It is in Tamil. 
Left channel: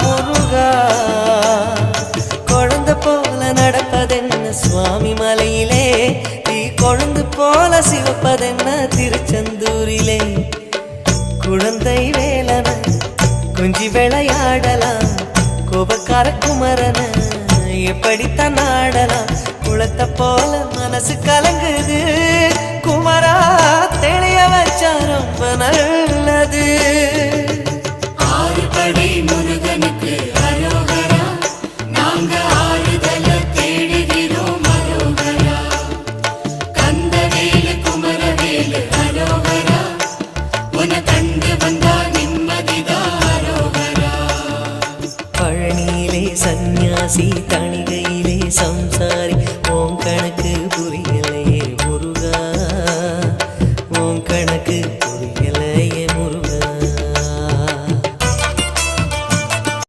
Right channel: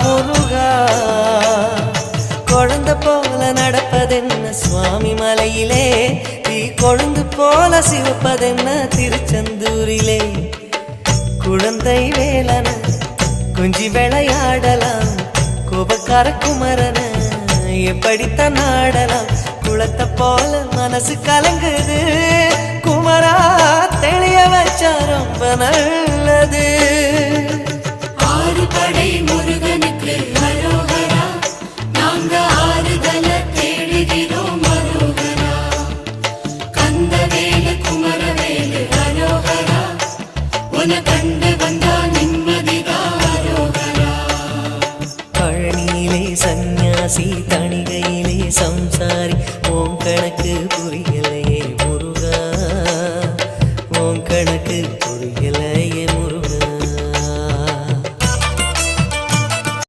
முருகா குழந்தை போல நடப்பதென்ன சுவாமி மலையிலே தீ கொழுந்து போல சிவப்பதென்ன திருச்செந்தூரிலே குழந்தை வேலன கொஞ்சி விளையாடலாம் கோபக்கார குமரன எப்படித்தான் நாடலாம் குளத்தை போல மனசு கலங்குது குமரா தெளிய வச்சா ரொம்ப நல்லது பழனியிலே சந்நியாசி தணிகையிலே சம்சாரி ஓம் கணக்கு புரியலையே முருகா ஓம் கணக்கு புரியலையே முருகா